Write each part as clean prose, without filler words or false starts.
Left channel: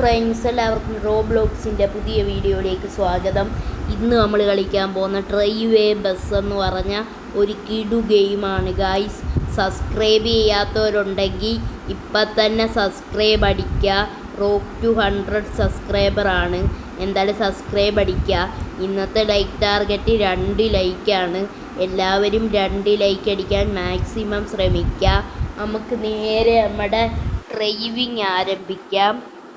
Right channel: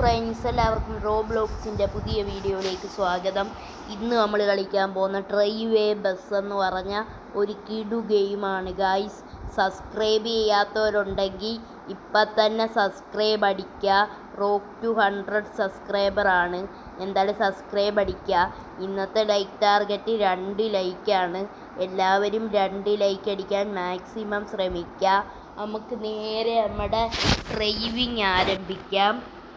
Friends, എല്ലാവർക്കും റോബ്ലോക്സിൻ്റെ പുതിയ വീഡിയോയിലേക്ക് സ്വാഗതം. ഇന്ന് നമ്മൾ കളിക്കാൻ പോകുന്ന ട്രൈവേ ബസ് എന്ന് പറഞ്ഞ ഒരു കിടു ഗെയിമാണ് ഗായ്സ്. സബ്സ്ക്രൈബ് ചെയ്യാത്തവരുണ്ടെങ്കിൽ ഇപ്പം തന്നെ സബ്സ്ക്രൈബ് അടിക്കുക. റോക്ക് ടു 100 സബ്സ്ക്രൈബറാണ്. എന്തായാലും സബ്സ്ക്രൈബ് അടിക്കുക. ഇന്നത്തെ ലൈക്ക് ടാർഗറ്റ് 2 ലൈക്കാണ്. എല്ലാവരും 2 ലൈക്ക് അടിക്കാൻ മാക്സിമം ശ്രമിക്കുക. നമുക്ക് നേരെ നമ്മുടെ ഡ്രൈവിങ് ആരംഭിക്കാം.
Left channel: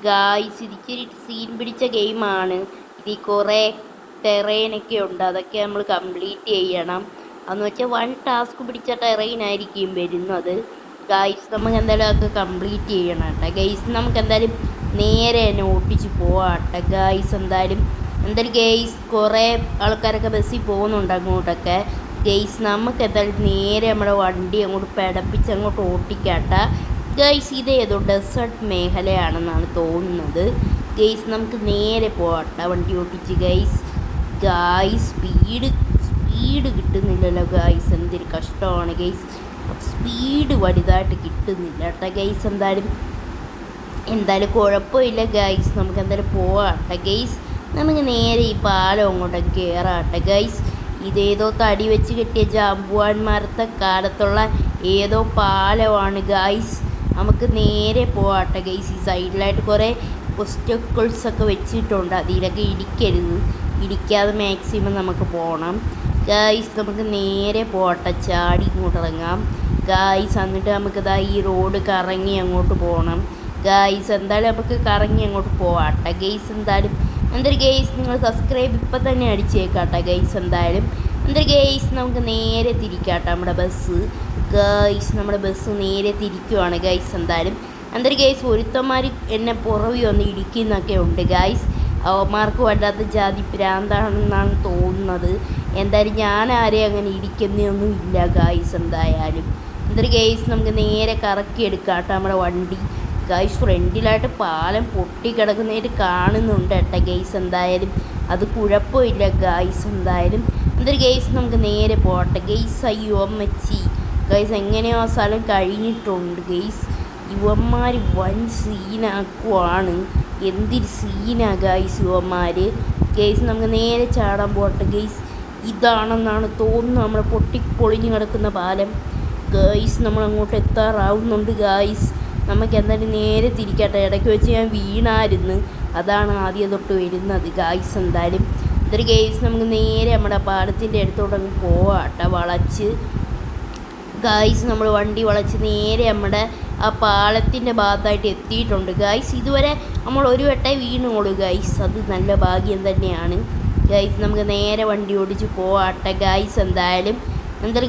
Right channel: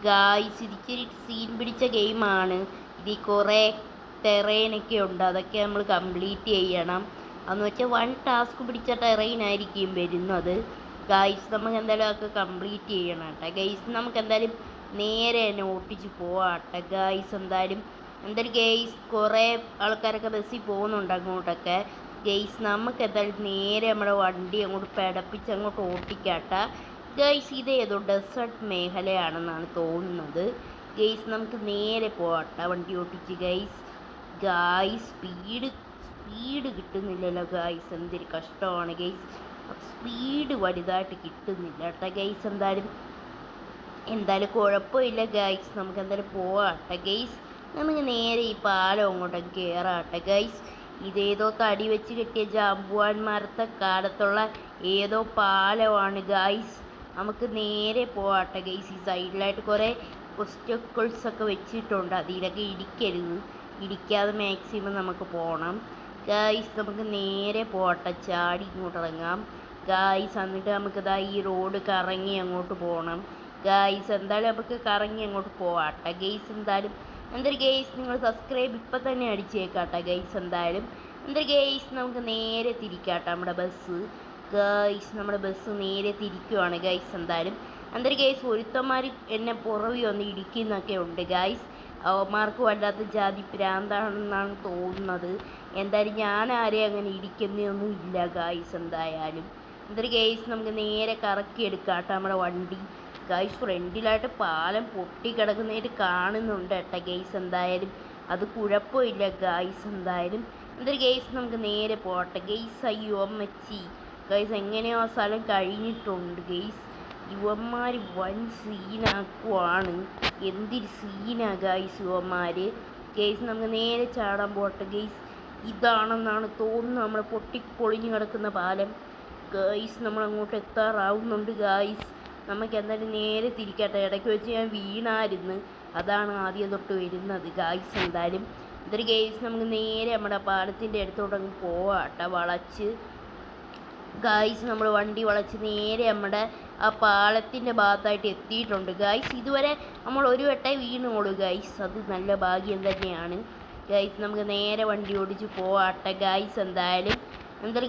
ഗായ്സ്, ഇതിക്കൊരു സീൻ പിടിച്ച ഗെയിമാണ്. ഇതിൽ കുറേ ടെറൈനൊക്കെ ഉണ്ട്, അതൊക്കെ നമ്മൾ കംപ്ലീറ്റ് ചെയ്യണം. അതെന്ന് വെച്ചാൽ 1 ടാസ്ക് പിടിച്ച ടെറൈനായിരിക്കും വരുന്നത്. ഗായ്സ്, നമുക്ക് എന്തായാലും അതൊക്കെ കംപ്ലീറ്റ് ചെയ്യണം കേട്ടോ. ഗൈസ്, നമുക്ക് എന്തായാലും നേരെ തന്നെ ഓട്ടിച്ച് പോവാട്ടെ ഗായ്സ്. എന്തായാലും ഗെയ്സ് കുറേ ആൾക്കാരൊക്കെ ബസ്സിൽ പോകുന്നുണ്ട് അങ്ങോട്ടൊക്കെ. ഗെയ്സ്, നമുക്ക് എന്തായാലും നേരെ നമ്മുടെ വണ്ടി അങ്ങോട്ട് പിടപ്പിച്ച് അങ്ങോട്ട് ഓട്ടിക്കാട്ടെ ഗൈസ്. ഇതേതോ ഡെസേർട്ട് മേഖലയാണെന്നാണ് തോന്നുന്നത്. ഗൈസ്, നമുക്ക് നേരെ പോകട്ടെ വണ്ടി ഓട്ടിച്ച് ഗൈസ്. സ്പീഡ് കിട്ടുന്നില്ലല്ലോ ഗൈസ്, എന്തൊരു കഷ്ടമാണ് ഗൈസ്. സ്പീഡ് വലുതായിട്ട് കിട്ടുന്നില്ല കേട്ടോ ഗൈസ്. എന്തായാലും കുഴപ്പമില്ല ഗൈസ്, നമുക്ക് എന്തായാലും പോകട്ടെ ഗൈസ്. നമുക്ക് നേരെ ഈ പാലം അങ്ങോട്ടൊക്കെ കയറാട്ടെ ഗൈസ്. ഇതേതോ തടി വെച്ച് കെട്ടിയ ജാമ്പുവാന്മാരത്തെ കാലത്തുള്ള ഏതോ പാലമാണ് ഗൈസ്. നമുക്ക് നേരെ പോകട്ടെ ഗൈസ്. ഈ സൈഡിലായിട്ട് കുറേ ഒബ്സ്റ്റക്കിൾസൊക്കെ വെച്ചിട്ടുണ്ട്, അതിലൊക്കെ ഇടിക്കാതെ മാക്സിമം നമുക്ക് പോകണം ഗൈസ്. നമുക്ക് നേരെ പോകട്ടെ, ചാടി ഇങ്ങോട്ട് ഇറങ്ങാം ഗൈസ്. എന്നിട്ട് നമുക്കിതാ ഈ റോഡ് കറങ്ങി അങ്ങോട്ട് പോകണം ഗൈസ്. എന്തായാലും നമുക്ക് കറങ്ങി അങ്ങോട്ട് പോകട്ടെ ഗൈസ്. എന്തായാലും ഗൈസ്, നിങ്ങൾ സബ്സ്ക്രൈബ് ഇപ്പം തന്നെ അടിച്ചേക്കാട്ടെ ഗൈസ്. എന്തായാലും ഗൈസ്, നമുക്ക് നേരെ തിരിക്കാട്ടെ നമ്മുടെ ബസ് ഗൈസ്. നമ്മുടെ ബസ് നേരെ തിരിക്കുവാണ് ഗൈസ്. എന്തായാലും ഗൈസ്, ഒരുത്തന്മാർ എന്നെ പുറവി വന്ന് ഇടിക്കുന്നൊക്കെ ഉണ്ട് ഗൈസ്. അവന്മാർക്ക് വല്ലാത്ത ജാതി പ്രാന്താണെന്നാണ് തോന്നുന്നത്. എന്തായാലും ഞാൻ ആരെയും അങ്ങനെ ഇടിക്കുന്നൊന്നും ഇല്ല ഗൈസ്. എന്തായാലും ഗൈസ്, നമുക്ക് നേരെ കറക്കിയെടുക്കാട്ടെ നമ്മുടെ വണ്ടി ഗൈസ്. ഫ്രണ്ടിലായിട്ട് പാലം പൊട്ടിക്കിടക്കുന്നതായിട്ട് കാണുന്നുണ്ട് കേട്ടോ ഗൈസ്. എന്തായാലും അത് കുഴപ്പമില്ല ഗൈസ്. എന്തായാലും ഗൈസ്, നമുക്ക് നേരെ പോകട്ടെ ഗൈസ്. അയ്യോ അമ്മച്ചി ഗൈസ്, എങ്ങനെയോ ആ സ്ഥലം കഴിഞ്ഞിട്ടുണ്ട് ഗൈസ്. യുവന്മാർ വൻ സീനാക്കുവാണ്. എന്തൊരു സീനാ ഗൈസ് യുവന്മാർ ഗൈസ്. നമുക്ക് നേരെ ചാടാൻ പോകട്ടെ ഗൈസ്. ഇതാണെന്നാണ് തോന്നുന്നത് നമ്മുടെ പൊളിഞ്ഞു കിടക്കുന്ന പാലം ഗൈസ്. നമ്മൾ അങ്ങോട്ട് എത്താറാവുന്നുണ്ട് ഗൈസ്. നമുക്ക് എന്തായാലും നേരെ തിരിക്കട്ടെ. ഇടയ്ക്ക് വെച്ച് ഞാൻ വീണായിരുന്നു, അതാണ് ആദ്യം തൊട്ട് വരുന്നത് ഗൈസ്. എന്തായാലും ഗൈസ്, നമുക്ക് നേരെ നമ്മുടെ പാലത്തിൻ്റെ അടുത്തോട്ടങ്ങ് പോവാട്ടെ വളച്ച് ഗൈസ്. നമ്മൾ വണ്ടി വളച്ച് നേരെ നമ്മുടെ ആ പാലത്തിൻ്റെ ഭാഗത്തായിട്ട് എത്തിയിട്ടുണ്ട് ഗൈസ്. ഇതുവരെ നമ്മൾ ഒരു വട്ടം വീണോളൂ ഗൈസ്, അത് നല്ല ഭാഗ്യം തന്നെയാണ് ഗൈസ്. നമുക്ക് നേരെ വണ്ടി ഓടിച്ച് പോവാട്ടെ ഗൈസ്. എന്തായാലും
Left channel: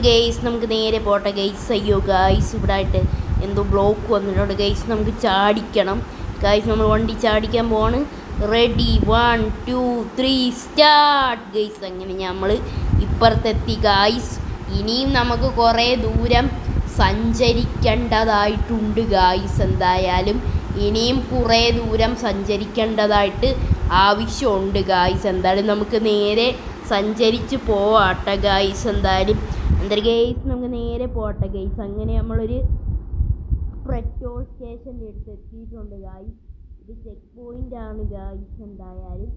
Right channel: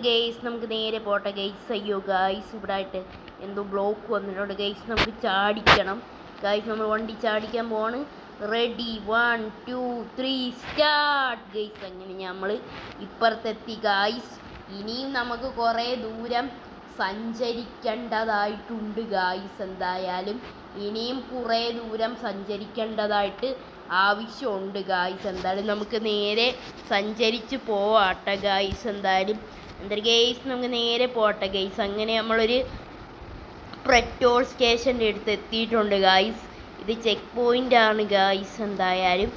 ഗൈസ്, നമുക്ക് നേരെ പോട്ടെ ഗൈസ്. അയ്യോ ഗൈസ്, ഇവിടെ ആയിട്ട് എന്തോ ബ്ലോക്ക് വന്നിട്ടുണ്ട് ഗൈസ്. നമുക്ക് ചാടിക്കണം ഗൈസ്. നമ്മൾ വണ്ടി ചാടിക്കാൻ പോവാണ്. Ready, 1 2 3 start guys. അങ്ങനെ നമ്മൾ ഇപ്പുറത്തെത്തി ഗൈസ്. ഇനിയും നമുക്ക് കുറേ ദൂരം സഞ്ചരിക്കേണ്ടതായിട്ടുണ്ട് ഗൈസ്. എന്തായാലും ഇനിയും കുറേ ദൂരം സഞ്ചരിക്കേണ്ടതായിട്ട് ആവശ്യമുണ്ട് ഗൈസ്. എന്തായാലും നമുക്ക് നേരെ സഞ്ചരിച്ച് പോവാട്ടെ ഗൈസ്. എന്തായാലും ഗൈസ്, നമുക്ക് നേരെ പോട്ടെ ഗൈസ്. അങ്ങനെ നമ്മളൊരു പെട്രോൾ സ്റ്റേഷൻ്റെ അടുത്ത് എത്തിയിട്ടുണ്ട് ഗൈസ്. ഇത് ചെക്ക് പോയിൻ്റാണ് ഗൈസ്. എന്തായാലും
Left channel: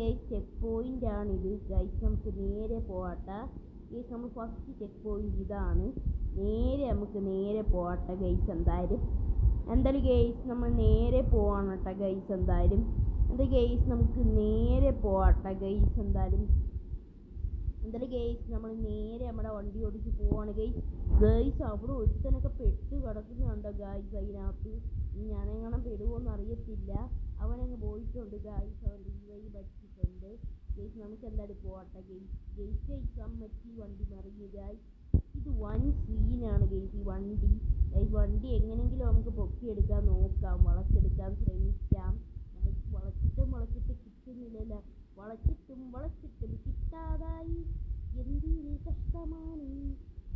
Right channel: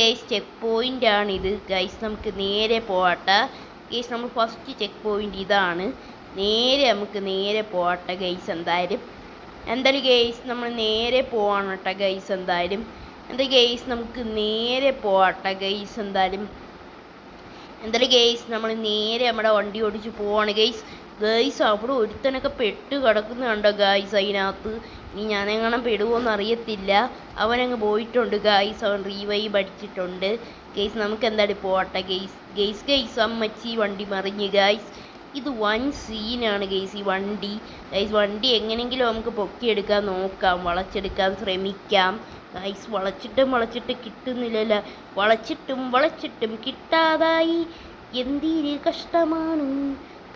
ഗൈസ്, ചെക്ക് പോയിൻ്റാണിത് ഗൈസ്. നമുക്ക് നേരെ പോകട്ടെ ഗൈസ്. നമ്മൾ ഫസ്റ്റ് ചെക്ക് പോയിൻ്റ് ഇതാണ്. നമുക്ക് നേരെ പോകട്ടെ ഗൈസ്. എന്തായാലും ഗൈസ്, നമ്മൾ നേരെ പോവാണ് കേട്ടോ ഗൈസ്. എന്തായാലും ഗൈസ്, നമുക്ക് നേരെ പോകട്ടെ ഗൈസ്. എന്തായാലും ഗൈസ്, നമ്മൾ നേരെ നമ്മുടെ വണ്ടി ഓടിച്ച് പോവാണ് ഗൈസ്. അവിടെ ഒരുത്തനൊക്കെ പെട്ട് കിടക്കുന്ന കണ്ടോ ഗൈസ് അതിനകത്ത്. ഇനി ഞാനെങ്ങനെ പെടുമോയെന്ന് അറിയത്തില്ല. അവനങ്ങ് പോയിട്ടുണ്ട് ഗൈസ്. അവൻ റീവൈവ് അടിച്ചിട്ടുണ്ട് ഗൈസ്. നമുക്ക് എന്തായാലും പോകട്ടെ ഗൈസ്. അമ്മച്ചി വണ്ടി മറിഞ്ഞ് ഗൈസ്. ഇത് വൻ സീനാണ് ഗൈസ് ഈ വണ്ടി വണ്ടി എങ്ങനെയെങ്കിലും നമുക്ക് പൊക്കിയെടുക്കാൻ നോക്കാം, വളച്ചെടുക്കാൻ ശ്രമിക്കാം ഗൈസ്. വളച്ചിട്ടും കിട്ടുന്നില്ലല്ലോ. വളച്ചിട്ടും കിട്ടാതായി, എന്തൊരു കഷ്ടമാണ്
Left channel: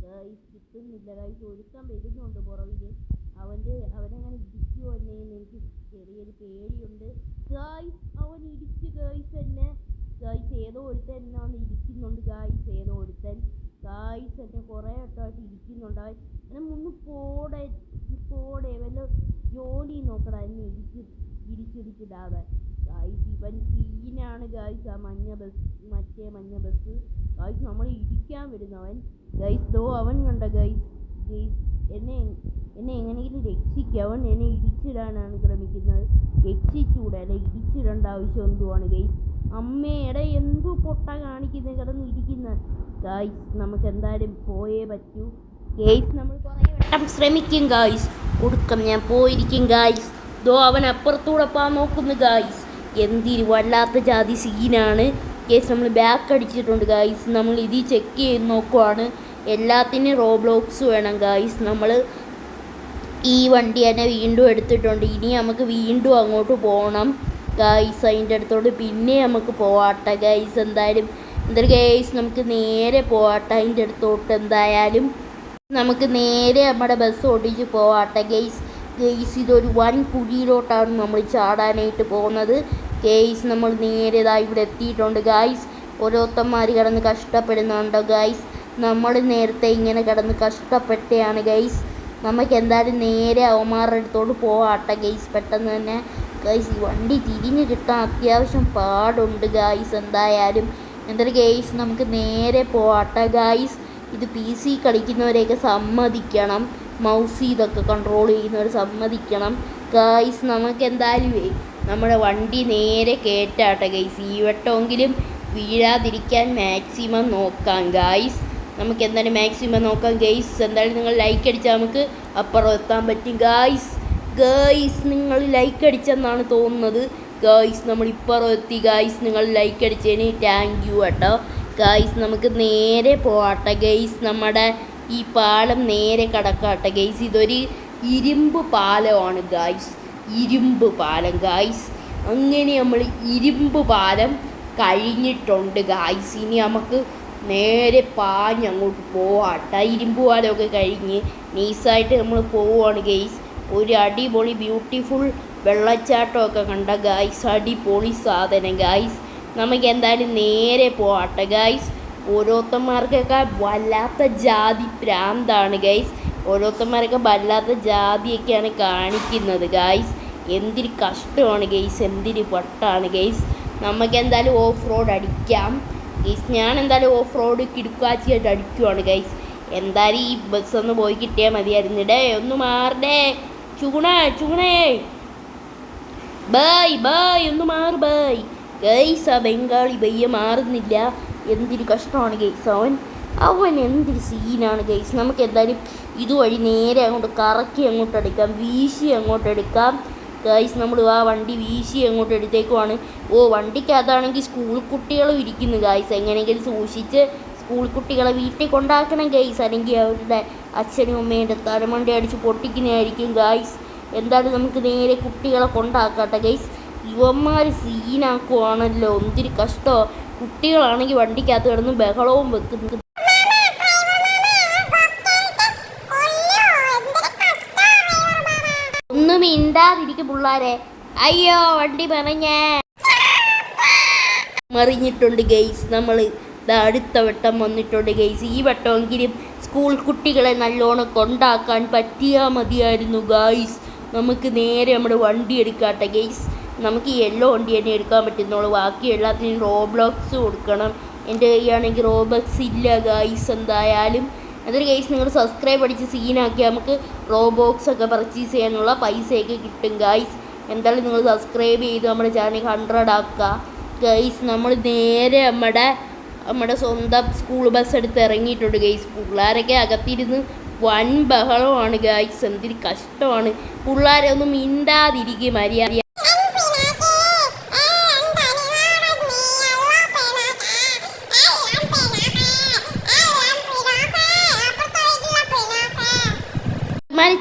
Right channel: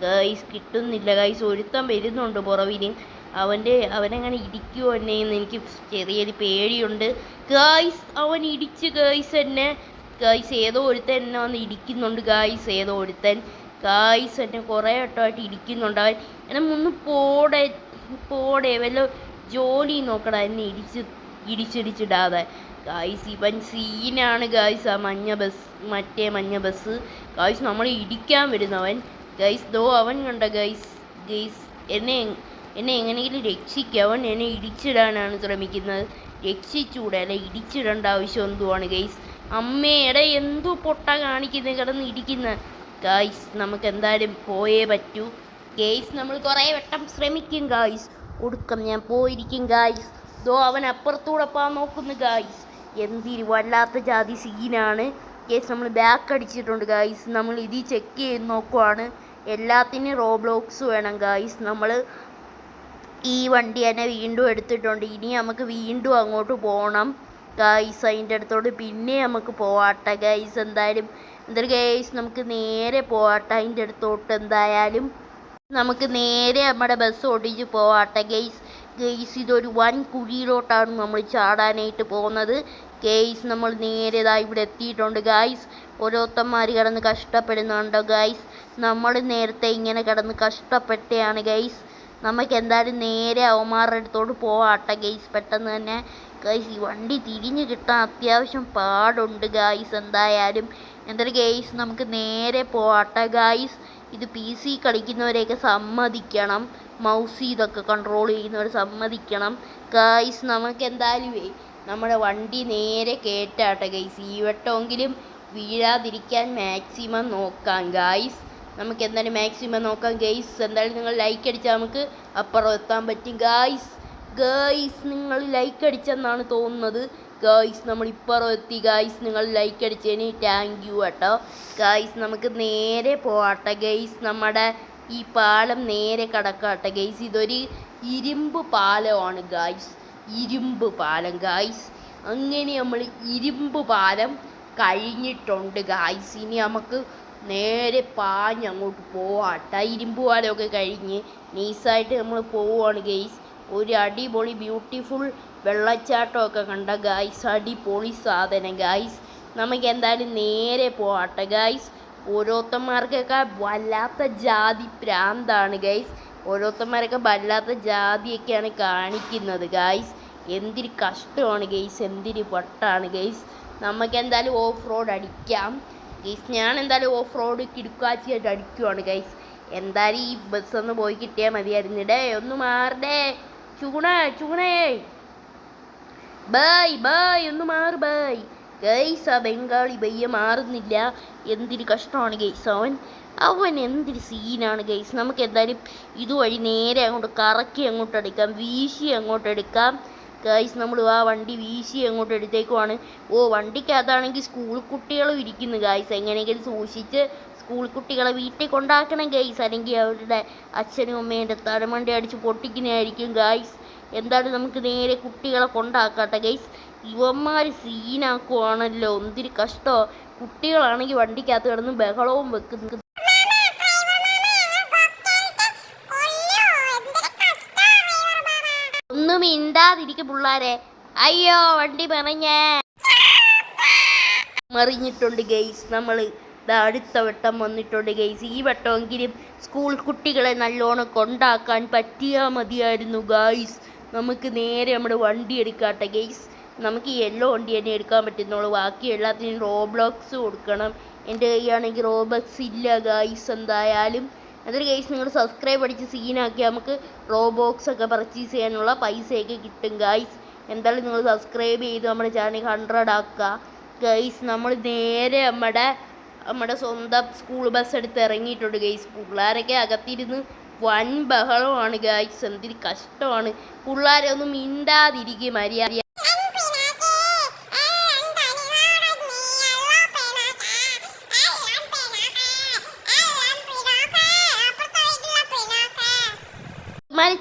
ഗൈസ്. കിട്ടുന്നില്ല ഗൈസ്. ഒരുത്തൻ വരുന്നുണ്ട് പുറവിന്. അവനെങ്ങനെ ഇടിക്കുമോ എന്നെയെന്ന് എനിക്ക് ചെറിയൊരു പേടിയുണ്ട് ഗൈസ്. അവൻ ഇടിച്ച് ഗൈസ് എന്നെ ഗൈസ്. ഏതോ ഒരുത്തൻ എന്നെ വന്ന് ഇടിക്കുന്നുണ്ട് ഗൈസ്. ഏതോ ഒരുത്തൻ ഗൈസ് എന്നെ കുറേ വട്ടമായിട്ട് ഇടിക്കുന്നുണ്ട്. അവൻ എന്നെ പോടെ വല്ല ജോലി നോക്കടാ. എന്നെ ഇടിച്ചിടിച്ചിടാതെ. ഗായ്സ് ഇവൻ സീനാണ് ഗായ്സ്. ആ മഞ്ഞ ബസ് ഗായ്സ് നമ്മളെ ഇടിക്കാൻ വരുന്നവൻ. ഗൈസ് ദോ അവൻ കണ്ട ഗൈസ്. ഗൈസ് എന്നെ എങ്ങനെയെങ്കിലും രക്ഷിക്കുക. അവൻ എന്നെ ഇടിച്ചിടാനാണ് ശ്രമിക്കുന്നത്. രക്ഷിച്ചൂടെ, അല്ല ഇടിച്ചിടേണ്ട ആവശ്യം എന്തുവാണ് ഗൈസ്. അമ്മയുടെ എന്തോ പൊട്ട കാണിക്കുന്നത്, കിടന്ന് ഇടിക്കുന്ന. ഗൈസ് നമുക്ക് എന്തായാലും പോയേ പറ്റൂ ഗൈസ്. നമ്മൾ കുറേ വട്ടം ശ്രമിക്കും ഗൈസ്, ഒടുക്കം ഞാൻ പോയിരിക്കും ഗൈസ്. ദോ അവൻ അപ്പുറത്തൂടെ പോകാൻ നോക്കുന്നു ഗൈസ്. എന്തിരി വല്ലാത്ത ജാതി സീനാണ് ഗൈസ്. നമ്മൾ ബാക്ക് അടിച്ചിട്ടുണ്ട് ഗൈസ്. നമ്മൾ ഇതിൽ ചെക്ക് ചെയ്ത് നോക്കുവാണ്. എല്ലാത്തിനും റോബ്ലോക്സ് വേണം ഗൈസ്. നമ്മൾ ഈ വണ്ടി തന്നെ വീണ്ടും എടുത്തിട്ടുണ്ട്. ഇനി നമുക്ക് വീണ്ടും അങ്ങോട്ട് പോകണം ഗൈസ്. അതിൻ്റെ അടുത്തോട്ട് പിന്നെ നമുക്ക് പോവാട്ടെ ഗൈസ്. എന്തായാലും ഗൈസ് നമുക്ക് നേരെ പോവാട്ടെ അതിൻ്റെ അടുത്തോട്ട്. എന്തായാലും നമുക്ക് നേരെ നമ്മുടെ ബസ് ഓടിച്ച് പോവാട്ടെ ഗൈസ്. ഗൈസ് ഇതൊരു വൻ കുഴിയിലോട്ടാണ് നമ്മൾ ചാടാനായിട്ട് പോകുന്നത് ഗൈസ്. നമ്മൾ നേരെ ഇവിടെ എത്തിയിട്ടുണ്ട് ഗൈസ്. ഓരോരുത്തന്മാർ കിടന്ന് കഷ്ടപ്പെടുന്നുണ്ടോ ഗൈസ്. നമ്മൾ നേരത്തെ ഇങ്ങനെ കിടന്ന് കഷ്ടപ്പെട്ടയാണ് ഗൈസ്. നമുക്ക് എന്തായാലും നേരെ അവന്മാരുടെ അടുത്തോട്ട് പോവാട്ടെ ഗൈസ്. പെട്ടെന്ന് തന്നെ ഗൈസ് ഈ വണ്ടി തിരിഞ്ഞ് കിട്ടാൻ അത്യാവശ്യം പാടുണ്ട് ഗൈസ്. എന്തായാലും ഗൈസ് നമുക്ക് നേരെ പോവാട്ടെ ഗൈസ്. ഇത് PC കളിക്കുന്നവരെയൊക്കെ സമ്മതിക്കണം. മൗസ് ഇതൊക്കെ കൺട്രോൾ ചെയ്യുന്നവർ സമ്മതിക്കണം ഗൈസ്. നമുക്ക് എന്തായാലും നമ്മുടെ വണ്ടി നേരെ കയറ്റാട്ടെ ഗൈസ്. ഈ വട്ടമെങ്കിലും വീഴാതിരിക്കാൻ മാക്സിമം നോക്കാം ഗൈസ്. നമുക്ക് എന്തായാലും മാക്സിമം നോക്കാം ഗൈസ്. എന്തായാലും നിങ്ങൾ ലൈക്ക് അടിച്ചാൽ നമുക്ക് അപ്പുറം എത്താൻ പറ്റും ഗൈസ്. നിങ്ങൾ ലൈക്ക് അടിച്ചെന്നാണ് തോന്നുന്നത് ഗൈസ്. നമ്മൾ ഇപ്പുറം എത്തി ഗൈസ്. നിങ്ങൾ ലൈക്ക് അടിച്ചതിന് താങ്ക് യു കേട്ടോ ഗൈസ്. നമുക്ക് നേരെ പോവാട്ടെ ഗൈസ്. നമ്മുടെ ഈ പാലം നേരെ കടക്കാട്ടെ ഗൈസ്. ഇതൊരു ഇരുമ്പ് പാലമാണ് ഗൈസ്. ഇരുമ്പ് പാലം ഗൈസ്. അങ്ങനെ നമ്മൾ ഇരുമ്പ് പാലം കഴിഞ്ഞിട്ടുണ്ട് ഗൈസ്. ഇനി നമുക്ക് നേരെ പാഞ്ഞ് അങ്ങോട്ട് പോവാട്ടെ. ഇരുമ്പ് പാലമൊക്കെ കഴിഞ്ഞ് നൈസായിട്ട് നമ്മൾ പോവുകയാണ് ഗൈസ്. ഒരു അടിപൊളി ബ്യൂട്ടിഫുൾ വെള്ളച്ചാട്ടമൊക്കെ കണ്ട ഗൈസ്. അടിപൊളി സാധനം ഗൈസ്. നമുക്ക് എന്തായാലും നേരെ പോവാട്ടെ ഗൈസ്. ഓരോരുത്തന്മാർക്കൊക്കെ വല്ലാത്ത ജാതി പ്രാന്താണ് ഗൈസ്. ഓരോരുത്തന്മാരൊക്കെ വല്ലാത്ത ജാതിയൊക്കെയാണ് കാണിക്കുന്നത് ഗൈസ്. എന്തൊരു കഷ്ടമാണ് ഗൈസ്, എന്തൊരു വട്ടാണ് ഗൈസ്. നമുക്ക് എന്തായാലും ഓഫ് റോഡ് അടിക്കാം ഗൈസ്. ഞാൻ എന്തായാലും ഓഫ് റോഡ് കിടുക്കാച്ചിയായിട്ട് അടിക്കുവാണ് ഗൈസ്. എന്തായാലും ഈ ബസ്സൊന്ന് പോയി കിട്ടിയാൽ മതിയായിരുന്നിടേ. ഒന്ന് മാറടേ ചൂണേ ബൈ ഒന്ന് മാറ് ബൈ ഗൈസ്. ആ ബംഗാളി ബയ്യ മാറുന്നില്ല. എന്തൊരു കഷ്ടമാണ് ഗൈസ്. അവൻ എന്തൊരു സീനാണ് ഗൈസ്. നമുക്ക് എന്തായാലും ഇതുവഴി നേരെ അങ്ങോട്ട് കറക്കി അങ്ങോട്ട് എടുക്കാം, വീശി അങ്ങോട്ട് എടുക്കാം ഗൈസ്. നമ്മൾ ആ വണ്ടി വീശി അങ്ങോട്ട് എടുത്തേക്കുവാണ്. വണ്ടിക്കകത്താണെങ്കിൽ സ്കൂൾ കുട്ടികളും ഇരിക്കുന്നു ഗൈസ്. എങ്ങനെയെങ്കിലും സൂക്ഷിച്ച് സ്കൂൾ കുട്ടികളെ വീട്ടിൽ കൊണ്ടാക്കണം ഗൈസ്. അല്ലെങ്കിൽ അവരുടെ അച്ഛനും അമ്മയുടെ തലമണ്ടി അടിച്ച് പൊട്ടിക്കുന്നതായിരിക്കും ഗൈസ്. എന്തായാലും നമുക്ക് നേരെ കുട്ടികളെ കൊണ്ടാക്കട്ടെ ഗൈസ്. ഇവന്മാർ സീനാക്കുവാണല്ലോ, എന്തൊരു കഷ്ടമോ. കുട്ടികളാണെങ്കിൽ വണ്ടിക്കകത്ത് കിടന്ന് ബഹളവും വെക്കുന്നു. ഒന്നും മിണ്ടാതിരിക്കും പിള്ളാരെ. അയ്യോ വണ്ടി മറിഞ്ഞിട്ടുണ്ട് ഗൈസ്. നമ്മൾ അടുത്ത വട്ടം വന്നിട്ടുണ്ട് ഗൈസ്. ഈ വട്ടമെങ്കിലും സ്കൂൾ കുട്ടികളെ നല്ലോണം കൊണ്ടാക്കാൻ പറ്റിയാൽ മതിയായിരുന്നു ഗൈസ്. നമുക്ക് നേരെ നമ്മുടെ വണ്ടി എടുക്കാട്ടെ ഗൈസ്. നമുക്ക് യെല്ലോ വണ്ടി തന്നെ എടുക്കാൻ പറ്റുന്നുള്ളൂ. ബാക്കി എല്ലാത്തിനും റോബ്ലോക്സ് കൊടുക്കണം. എൻ്റെ കയ്യാണെങ്കിൽ റോബ്ലോക്സ് ഇല്ല ഗൈസ്. എന്തായാലും അതൊരു ഗൈസ് നിങ്ങൾ സബ്സ്ക്രൈബ് അടിച്ച് സീനാക്കി നമുക്ക് റോബോക്സ് ഒക്കെ പർച്ചേസ് ചെയ്യാനുള്ള പൈസയൊക്കെ കിട്ടും ഗൈസ്. എന്തായാലും നിങ്ങൾ സബ്സ്ക്രൈബ് ചെയ്ത് നമ്മുടെ ചാനൽ 100 ആക്കുക ഗൈസ്. നമ്മൾ നേരെ നമ്മുടെ സ്വന്തം സ്കൂൾ ബസ് എടുത്ത് ഇറങ്ങിയിട്ടുണ്ട് ഗൈസ്. പിള്ളേരൊക്കെ അകത്തിരുന്ന് വൻ ബഹളമാണ് ഗൈസ്. എന്തൊരു കഷ്ടമാണ്. പിള്ളേരെ ഒന്നും മിണ്ടാതിരിക്കും മര്യാദ.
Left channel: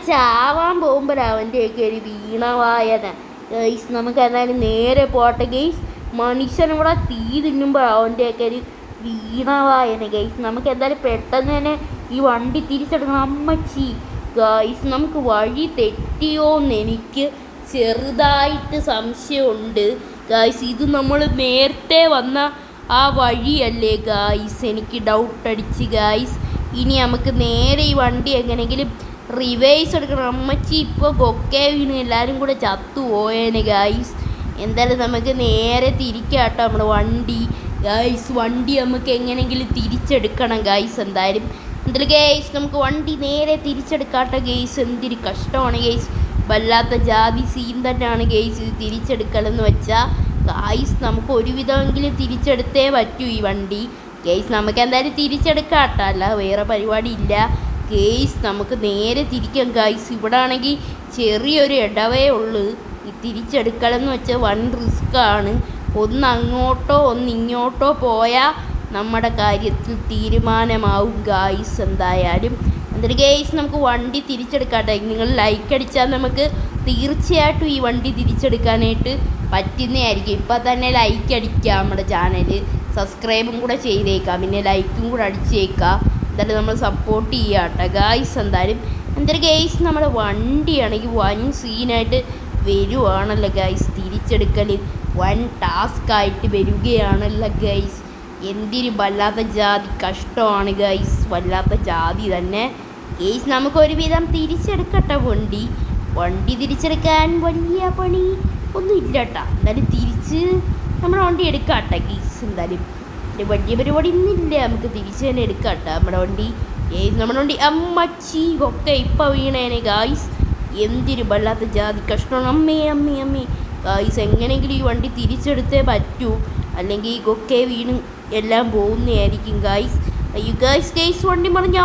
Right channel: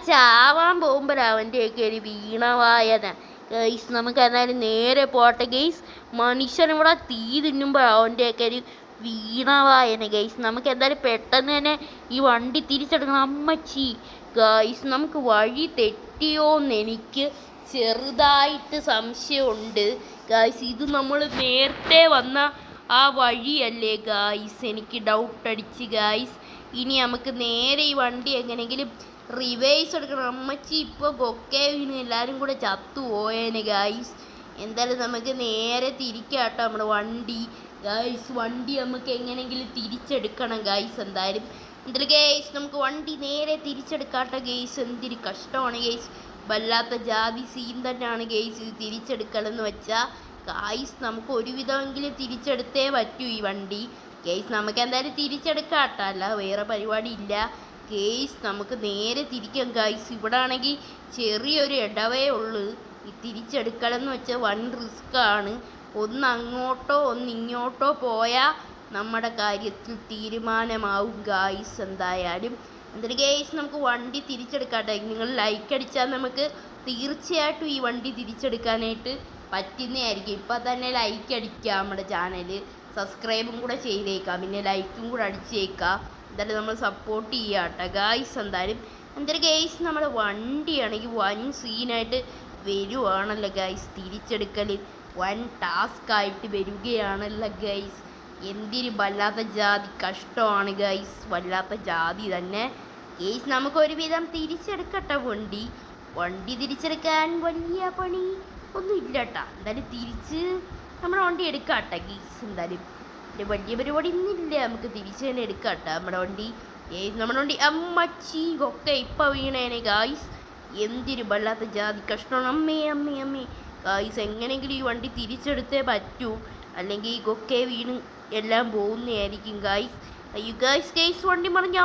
ചാവാൻ പോകുമ്പോഴാണ് അവൻ്റെയൊക്കെ ഒരു വീണവായന ഗൈസ്. നമുക്ക് എന്നാലും നേരെ പോട്ടെ ഗൈസ്. മനുഷ്യനിവിടെ തീ തിന്നുമ്പോൾ അവൻ്റെയൊക്കെ ഒരു വീണവായന ഗൈസ്. നമുക്ക് എന്തായാലും പെട്ടെന്ന് തന്നെ ഈ വണ്ടി തിരിച്ചെടുക്കണം. അമ്മച്ചി ഗൈസ്, നമുക്ക് വഴി തെറ്റിയോന്ന് എനിക്ക് ചെറുതായിട്ട് സംശയമുണ്ട് ഗൈസ്. ഇത് നമ്മൾ നേരത്തെ വന്ന ആ വഴിയല്ലേ ഗൈസ്? എനിക്ക് ഡൗട്ട് അടിച്ച് ഗൈസ്. ഇനി നമുക്ക് നേരെ ഈ വണ്ടി എങ്ങനെയെങ്കിലും റിവേഴ്സ് എടുക്കണം. അമ്മച്ചി ഇപ്പോൾ കൊക്കെ വീണ് എല്ലാവരും കൂടെ ചത്തു പോയേനെ ഗൈസ്. എന്തായാലും നമുക്ക് നേരെ തിരിക്കാട്ടോ നമ്മുടെ വണ്ടി ഗൈസ്. വണ്ടി നമുക്ക് എങ്ങനെയെങ്കിലും തിരിച്ചെടുക്കണം ഗൈസ്. എന്തായാലും ഗൈസ് നമുക്ക് വണ്ടി നേരെ തിരിച്ചെടുക്കാട്ടോ ഗൈസ്. എന്തൊരു കഷ്ടമാണ് ഗൈസ്. വല്ലാത്ത ജാതി സീൻ തന്നെയാണ് ഗൈസ് ഇത് തിരിച്ചെടുക്കലെന്ന് വെച്ചാൽ. ഗൈസ് നമുക്ക് ഒരുവിധമെങ്കിലും തിരിച്ചെടുത്തേ പറ്റൂ ഈ വണ്ടി ഗൈസ്. നമുക്ക് എന്തായാലും തിരിച്ചെടുക്കാട്ടോ, അല്ല വേറെ പരിപാടി ഇല്ല ഗൈസ്. നമുക്ക് നേരെ തിരിക്കാം ഗൈസ്. ഇവിടെ ആണെങ്കിൽ ചെറിയൊരു ഇടവേ ഉള്ളൂ. ഈ തിരിച്ചെടുക്കലെന്ന് വെച്ചാൽ വൻ റിസ്ക്കാണ്. ഒന്ന് അങ്ങോട്ടോ ഒന്ന് ഇങ്ങോട്ടോ പോയാൽ നമ്മുടെ കാര്യത്തിൽ തീരുമാനമാവും ഗൈസ്. എന്തായാലും എന്നിട്ട് ഗൈസ് നമുക്ക് വണ്ടി തിരിച്ചെടുക്കാട്ടെ. നിങ്ങൾ ലൈക്ക് അടിച്ചാൽ നമുക്ക് തീർച്ചയായിട്ടും ഈ വണ്ടി തിരിച്ചെടുക്കാനായിട്ട് പറ്റുന്നതായിരിക്കും. ഇപ്പം തന്നെ ലൈക്ക് അടിക്കുക, നമ്മുടെ ചാനൽ സബ്സ്ക്രൈബും കൂടെ ചെയ്തേക്കാം, പിന്നെ ലൈക്കും കൂടെ അടിച്ചേക്കാം. എന്തായാലും നമ്മൾ സപ്പോർട്ട് ചെയ്യാട്ടോ ഗൈസ്. എന്തായാലും ഗൈസ് നമ്മുടെ വണ്ടിയാണെങ്കിൽ വൻ സീനായിട്ട് വരുവാണല്ലോ ഗൈസ്. തിരിച്ചെടുക്കൽ വൻ ടാസ്ക്കായിട്ട് വരികയാണല്ലോ ഗൈസ്. എന്തിന് വല്ലാത്ത ജാതി കഷ്ടമാണ് ഗൈസ്, വല്ലാത്ത ജാതി തന്നെ ഗൈസ്. നമുക്കൊരുവിധം തിരിച്ചെടുക്കട്ടെ വണ്ടി തിരിച്ചെടുക്കാൻ വലിയ പണി ഒന്നും ഇല്ല കേട്ടോ. എന്തായാലും തിരിച്ച് നമ്മുടെ വണ്ടി എടുക്കാട്ടെ ഗൈസ്. എന്തായാലും വലിയ പരിപാടി ഒന്നുമില്ല, നമുക്ക് തിരിച്ച് തന്നെ എടുക്കാട്ടെ നമ്മുടെ വണ്ടി. നമ്മുടെ വണ്ടി അമ്മച്ചി ഒക്കെ ഇപ്പം വീണേനെ ഗൈസ്. എന്തിന് വല്ലാത്ത ജാതി കഷ്ടമാണ്. അമ്മേ ഗൈസ്, എങ്ങനെയെങ്കിലും ഈ വണ്ടി തിരിച്ചെടുത്തേ പറ്റൂ, അല്ലെങ്കിൽ ഈ കൊക്കെ വീണ് എല്ലാം പോകുന്നതായിരിക്കും ഗൈസ്. അയ്യോ ഗൈസ് വണ്ടി മറിഞ്ഞ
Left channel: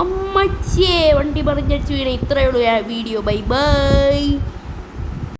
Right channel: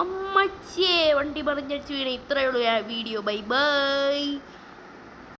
അമ്മച്ചിയെ വണ്ടി മറിഞ്ഞടിച്ച് വീണേ. ഇത്രയേ ഉള്ളൂ വീഡിയോ. Bye bye.